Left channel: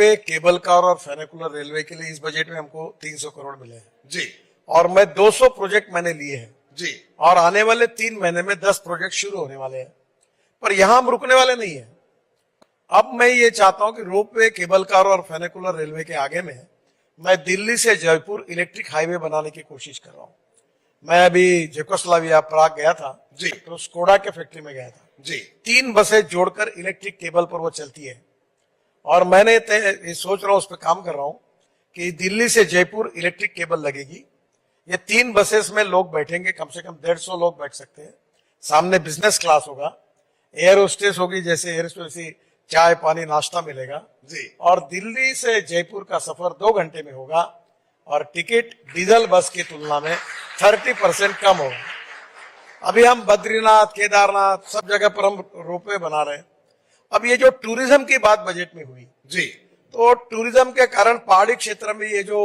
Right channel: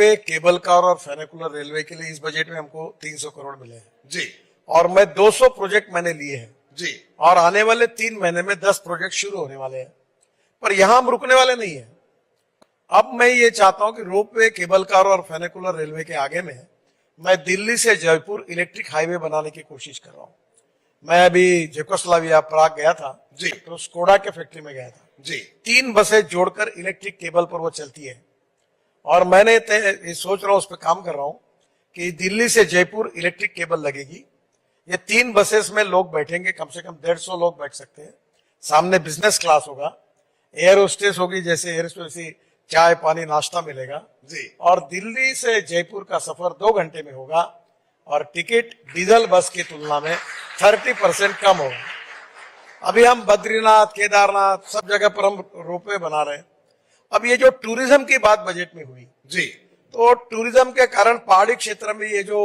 Ropeway, cable car और फेनिकुलर railway के लिए इस बजट में हमको 300 करोड़ मिले हैं जी और मैं 200 प्रोजेक्ट मैंने लिए हैं जी और आने वाले 3 महीने में 10 प्रोजेक्ट शुरू होने वाले हैं। पर यहां हम रुकने वाले नहीं हैं। अब मैं ये चाहता हूं कि रोपवे, केबल कार और फेनिकुलर रेलवे के आगे में मैं दिल्ली से जयपुर इलेक्ट्रिक हाईवे बनाने की कोशिश कर रहा हूं। मैं अभी जेकोस्लाविया प्राग गया था जी तो स्कोडा के फैक्ट्री में गया था। जी 3 बसें जोड़कर इलेक्ट्रिक केबल पर वो चलती है और मैंने ये सोच रहा हूं, उस पर काम कर रहा हूं कि दिल्ली से जयपुर इलेक्ट्रिक केबल लगेगी। ये 3 बसेस में लोग बैठेंगे, कम से कम 150 लोग बैठ सकते हैं। सामने बिजनेस क्लास होगा, एयर होस्टेस होगी, जैसे एयर होस्टेस चाय पानी नाश्ता मिलेगा जी और दिल्ली से जयपुर का सफर 2 घंटे में होगा और टिकट डीजल बस की तुलना में 30% कम होगा। अभी हम बद्रीनाथ, केदारनाथ सब जगह पर हम रोपवे बना रहे हैं। अब ये जो टूरिज्म की बात बजट में हुई जी तो टूरिज्म के कारण पहाड़ी क्षेत्र में ये जो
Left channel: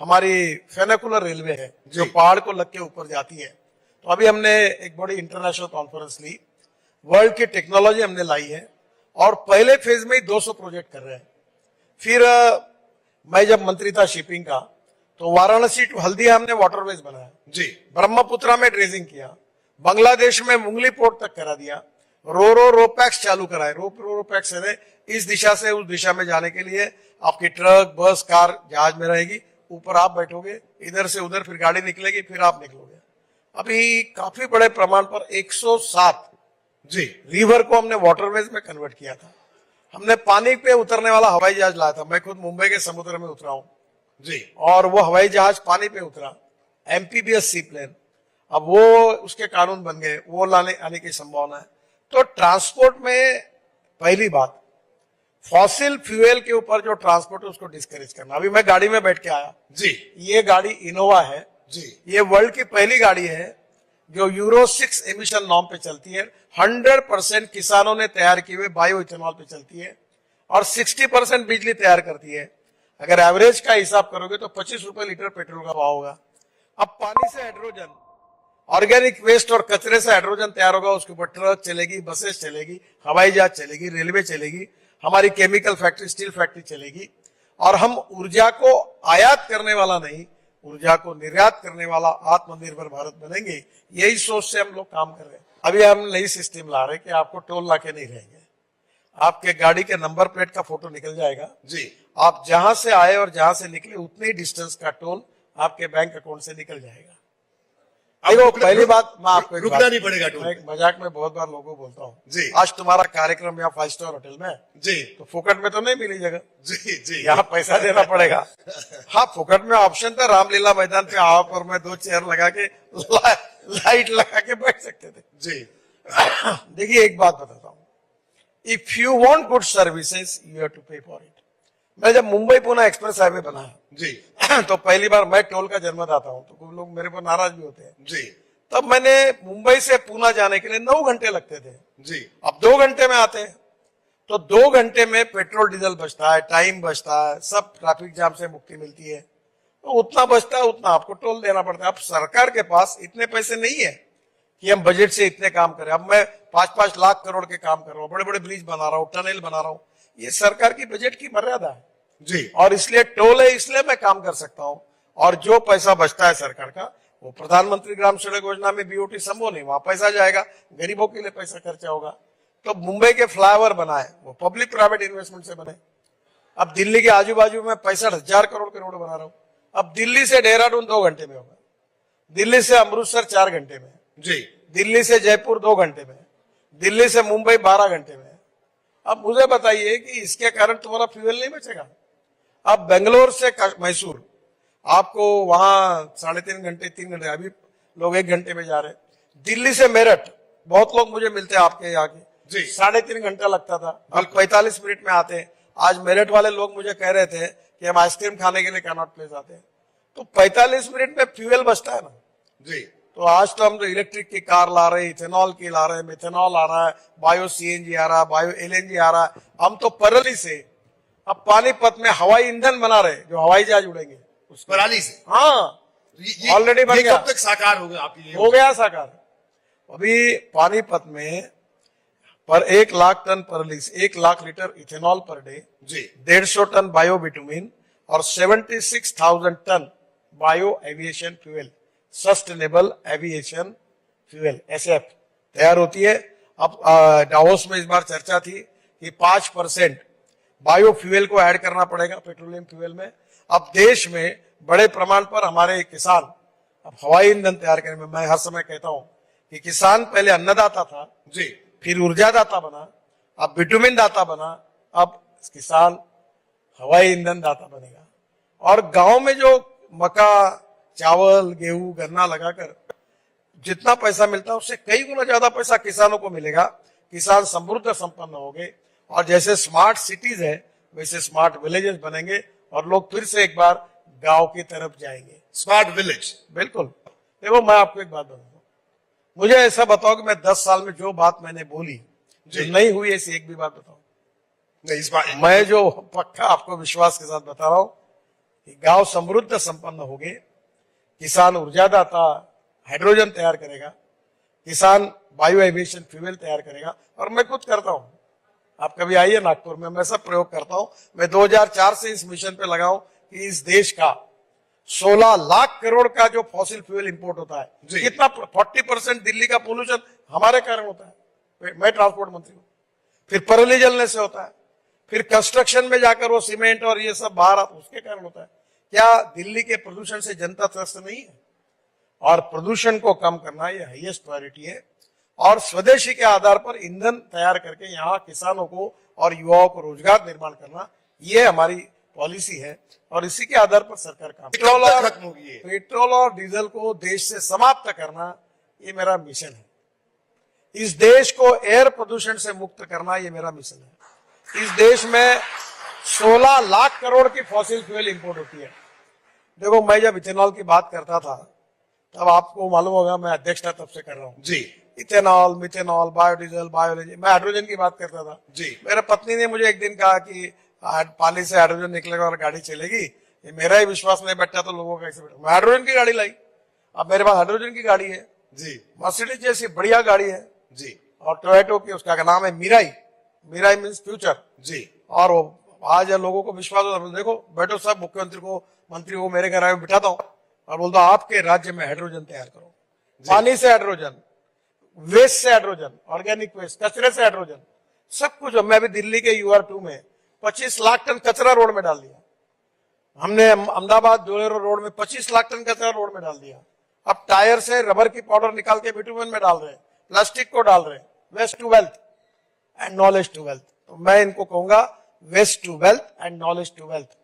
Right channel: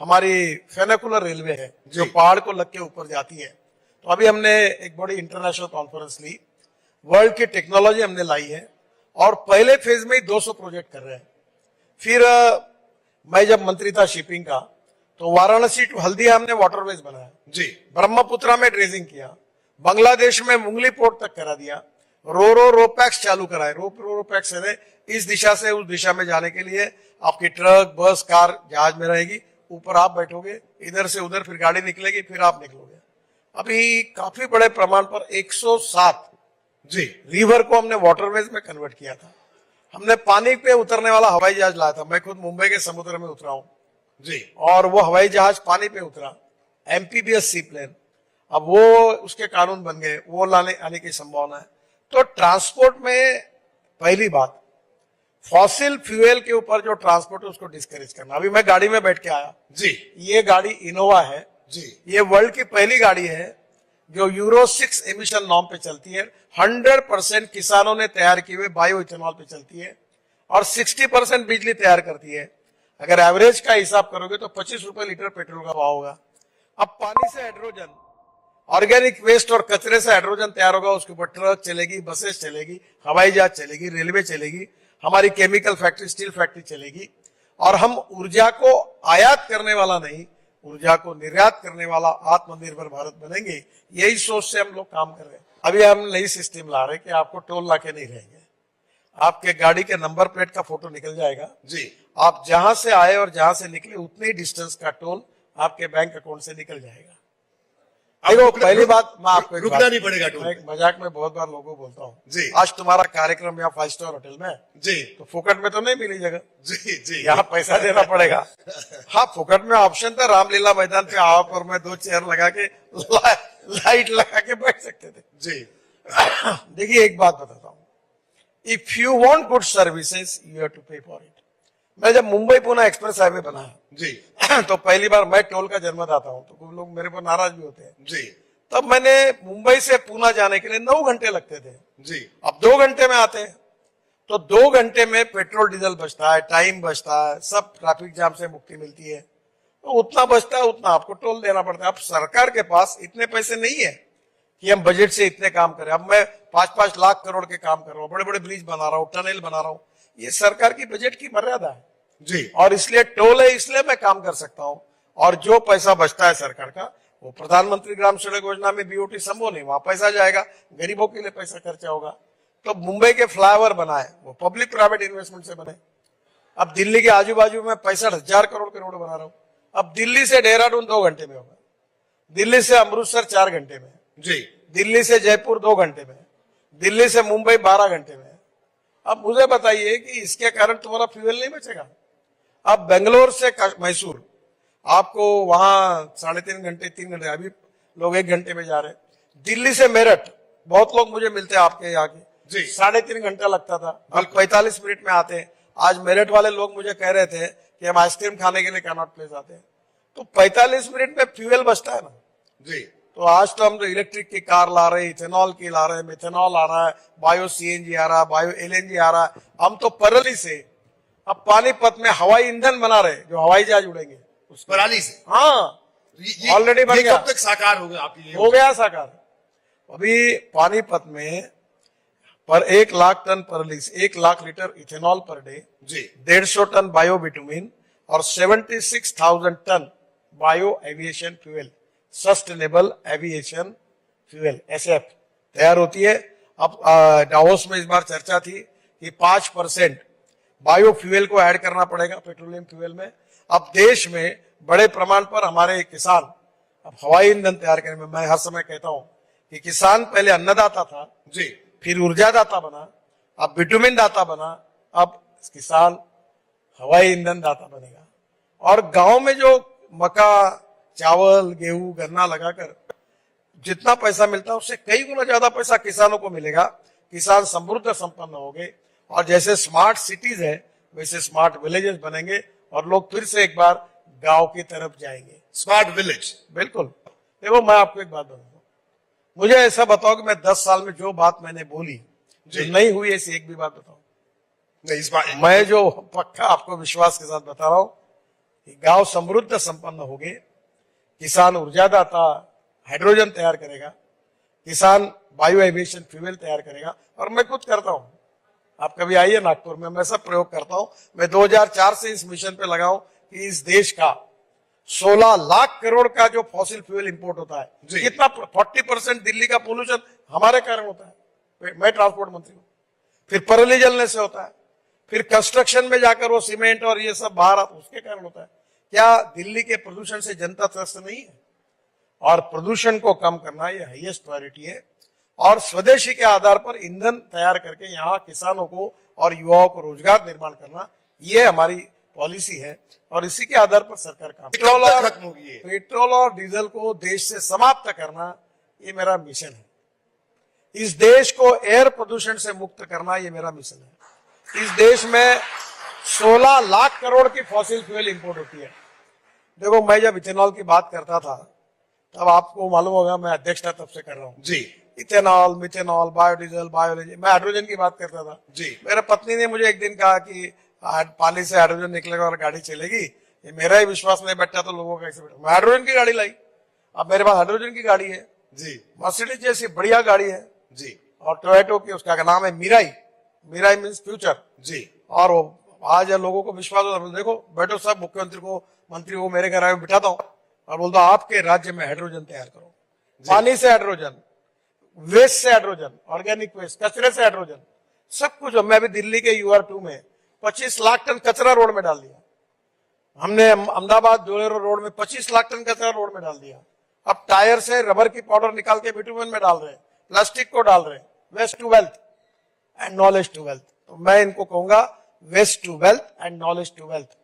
हमारी फेनिकुलर रेलवे है जो पहाड़ को लग के ऊपर जाती है, तो अभी हमने एक बड़ी इंटरनेशनल कॉन्फ्रेंस ली, वर्ल्ड की टेक्नोलॉजी हमने लाई है और पहले फेज में ही 200 प्रोजेक्ट कर रहे हैं। फिर मैं जब मंत्री था शिपिंग का तो वाराणसी टू हल्दिया हमने वाटरवेज बनाया जी ब्रह्मपुत्रा में ड्रेजिंग किया, बांग्लादेश में मुंगली पोर्ट तक करा दिया, रोपैक्स चालू कराए। रोपैक्स है इस दिशा से उस दिशा में जाने के लिए आपकी ट्रक, बस, कार, जहाज में रहेगी, ऊपर आप बैठोगे, इधर से उधर फिर गाड़ी निकलेगी, फिर आप निकलोगे। अभी काफी बड़े प्रमाण पर 107 जी रिवर को हमने वाटरवेज में कन्वर्ट किया था। हमने पानी पे उतरने वाला हवाई जहाज लाया था, मैं खुद मुंबई के समुद्र में उतरा हूँ जी और वो हवाई जहाज पानी पे उतरा, एमपीबीएस सी प्लेन। अब वो उसके कानून बन गए, वो लाने आने की संभावना है। तो ट्रांसपोर्ट में पहली बात, फॉसिल फ्यूल के ऊपर जो ट्रांसपोर्ट है उसको डिस्करेज करना। अभी मैं गाड़ी में बैठ के आया जी ये गाड़ी इनोवा है जी ये वर्ल्ड की पहली गाड़ी है जो यूरो 6 एमिशन नॉर्म पे चलती है। 100% किसानों ने तैयार की हुए बायो इथेनॉल पे चलती है और 60% बिजली तैयार करती है। अगर एवरेज का हिसाब करोगे तो 25 रुपए लीटर पेट्रोल का भाव होगा। अब पानी से हाइड्रोजन, ऑर्गेनिक वेस्ट और कचरे से हाइड्रोजन तैयार होगा, उसके ऊपर ट्रक चलेगी, बसेस चलेगी, हवाई जहाज चलेगी, रेलवे चलेगी, हमारी केमिकल फैक्ट्री, स्टील फैक्ट्री चलेगी और हम ऊर्जा को आयात करने वाला नहीं, ऊर्जा को निर्यात करने वाला आत्मनिर्भर भारत बनेंगे। यही सोच से हम लोग काम कर रहे हैं। अभी हम नई सिस्टम ला रहे हैं कि आपको टोल नाके नहीं रहेंगे, आपके गाड़ी के नंबर प्लेट का फोटो निकल जाएगा जी आप जहां से आए और जहां से निकले उतने ही डिस्टेंस का टोल आपके बैंक अकाउंट से निकल जाएगा। देखो पहली बात मैं आपको एक रुकना बात- नहीं पड़ेगा टोल मैं एक मजाक में बहुत बार लोगों को बोलता हूँ, जी आज तुम्हारा कार्यक्रम या 5 स्टार होटल में जी तो फुकट में तो नहीं मिली जगह, जी जी यहाँ पैसा देना पड़ेगा। हाँ फुकट में ऑप्शन था, रामलीला मैदान पे आप और मैं 2 चेयर लगा के लाइट लगा के बैठ सकते थे। जी देखिए एक बात बताता हूँ, if you want good services you have to pay for it. मैं जब मुंबई पुणे एक्सप्रेस हाईवे बना जी तो पहली बार मैं टोल का जन्मदाता हूँ, तो कुछ लोग मेरे पर नाराज भी होते हैं। जी तब मैंने मुंबई से पुणे जाने के लिए 9 घंटे लगते थे, जी अब 2 घंटे में आते हैं। तो 2 घंटे में पेट्रोल डीजल बचता है, टाइम बचता है, सब ट्रैफिक जाम से मुक्ति मिलती है। तो उतना बचता है उतना आपको टोल देना पड़ता है। अब सरकार के पास इतने पैसे नहीं है कि हम बजट से इतने काम करें। अब मैं 5-5 लाख करोड़ के काम कर रहा हूँ, बड़े बड़े ब्रिज बना रहा हूँ, टनल बना रहा हूँ, ये सरकार की बजट की मर्यादा है और इसलिए टोल है, इसलिए मैं काम कर सकता हूँ। और जो पैसा बचता है सरकार का वो प्रधानमंत्री ग्राम सड़क योजना में बीओटी संभव नहीं, वहां पैसा जाएगा, गरीबों के लिए पैसा खर्चा होगा। तो मुंबई के फ्लाईओवर बनाए वो पब्लिक प्राइवेट इन्वेस्टमेंट से बने। अब दिल्ली के आजू बाजू में 65,000 करोड़ के रोड बना रहा हूँ। अब दिल्ली से देहरादून 2 घंटे में होगा, दिल्ली से अमृतसर 4 घंटे में, जी दिल्ली से जयपुर 2 घंटे में, दिल्ली से मुंबई 12 घंटे में। अब मुझे बताइए कि इसके कारण तुम्हारा फ्यूल नहीं बचेगा। अब बेंगलोर से मैसूर आपको वहां 3.5 घंटे 3 घंटे, अभी लोग 1 घंटे में जा रहे हैं। दिल्ली से मेरठ बहुत लोग मुझे मिलते हैं आपके यहाँ की, जी 3.5 घंटा लगता था, अब 45 मिनट में आते हैं। आज मेरठ वाले लोग मुझे कह रहे थे कि हम आइसक्रीम खाने के लिए कैनॉट प्लेस आते हैं। तो 45 मिनट में फ्यूल बचता है ना। जी तो आज तो हम तो इलेक्ट्रिक की कार ला रहे हैं, इथेनॉल की ला रहे हैं, मिथेनॉल आ रहा है, बायो सीएनजी आ रहा है, बायो एलएनजी आ रहा है। हम तो परली से अब पानीपत में हवाई ईंधन बना रहे जो हवाई जहाज उड़ेंगे उस पराली से हाँ ऑलरेडी बन गया, कब तक साकार होगा आपकी? हो गया साकार। अभी पानीपत में पर 1 लाख टन पर 1 lakh litre ethanol per day, जी 150 टन बायो बिटुमिन और 76,000 ton bio aviation fuel, sustainable aviation fuel SF तैयार होती है। अब डावोस में इस बार चर्चा थी कि 5% बायो फ्यूल को ऐड करना पड़ेगा पेट्रोलियम फ्यूल में। अब देश में बड़े प्रमाण पर हमारे किसान अब हवाई ईंधन तैयार करेंगे। मैं हर समय कहता हूं कि किसान पहले अन्नदाता था, जी फिर ऊर्जादाता बना, अब बिटुमिन दाता बना, अब किसान हवाई ईंधन दाता बनेगा। और गांव में जो मक्का, चावल, गेहूं, गन्ना लगाकर जितना पैसा मिलता है उससे कई गुना ज्यादा पैसा किसानों को मिलेगा। किसान समृद्ध संपन्न होंगे और जैसे स्मार्ट सिटीज हैं वैसे स्मार्ट विलेजेस बनेंगे और लोग फिर से एक बार गांव की तरफ जाएंगे। Smart village. बिल्कुल। देखो मैं आपको एक बात बताऊंगा, मुझे ऐसा बताओ कि मैं 10 साल में जो बात मैंने बोली जो जी। नहीं हुई ऐसी एक भी बात बताओ। नहीं इस बार मैं जो पक्का आपको विश्वास के साथ बता रहा हूं कि गांव समृद्ध संपन्न होंगे, किसान ऊर्जादाता हाइड्रोजन तैयार करेगा, किसान बायो एविएशन फ्यूल तैयार करेगा। और मैं खुद करता हूं, आप कभी आइए नागपुर में, मैं सब प्रयोग करता हूं। मैं 2004 से इस मिशन पे लगा हूं कि इस देश का 16 लाख करोड़ का जो फॉसिल फ्यूल इंपोर्ट होता है, जी। कितना 40% दिल्ली का पोल्यूशन हमारे कारण होता है। मैं ट्रांसपोर्ट मंत्री हूं, फिर पराली जलने से होता है, फिर कंस्ट्रक्शन में जाकर वो सीमेंट और ये सब बाहर आता है, उसके कारण होता है। क्या दिल्ली के प्रदूषण से जनता त्रस्त नहीं है? और प्रदूषण को कम करना ये हाईएस्ट प्रायोरिटी है। और स्वदेशी के आधार पर ईंधन तैयार करके यहाँ किसानों को और युवाओं को रोजगार निर्माण करना, ये हमारी पॉलिसी है। और इसी के आधार पर सरकार काम खत्म होगी ये। पेट्रोल और डीजल को देश से समाप्त करना, ये मेरा मिशन है। इस देश को एयर प्रदूषण से मुक्त करना, ये मेरा मिशन है। इस देश में 16 लाख करोड़ की फॉसिल फ्यूल इंपोर्ट होती है। देखो मैं जब इथेनॉल की बात करता था तब आपको मालूम होगा मैं अध्यक्षता तब से कर रहा हूँ। जी इथेनॉल, मिथेनॉल, बायोडीजल, बायोलॉजी, मैं हाइड्रोजन की बात करता था। जी मेरे पत्नी ने मुझे एक दिन कहा कि पानी से हाइड्रोजन निकलेगा और गाड़ी चलेगी। ये मेरा ही विश्वास नहीं बैठा तो लोगों का कैसे बैठा। मैं हाइड्रोजन की गाड़ी लाई, अब मेरे पास हाइड्रोजन की गाड़ी है, जी मर्सिडीज जैसी बढ़िया गाड़ी है, जी और टोयोटो की उसका नाम है मिराई। Mirai means future. जी और आज लोगों को विश्वास हो, देखो बैठो सब मुख्यमंत्री को, मंत्री को मेरे घर में बिठाता हूँ और बोलता हूँ आपके राज्य में हाइड्रोजन तैयार करो। पानी से हाइड्रोजन, वेस्ट से हाइड्रोजन, ऑर्गेनिक वेस्ट, कचरे से हाइड्रोजन, सब कुछ। मैं भी दिल्ली के UR2 में 25 लाख टन कचरा रोड में डाल दिया। हमने अहमदाबाद जोड़ेरो रोड में 25 लाख टन कचरा रोड में डाल दिया। अब टायर से रबर की पाउडर निकाल के बिटुमेन में डाल रहे हैं, प्लास्टिक को डाल रहे हैं। Waste to wealth and knowledge to wealth. तो मैं इनको कहूंगा waste to wealth and knowledge to wealth.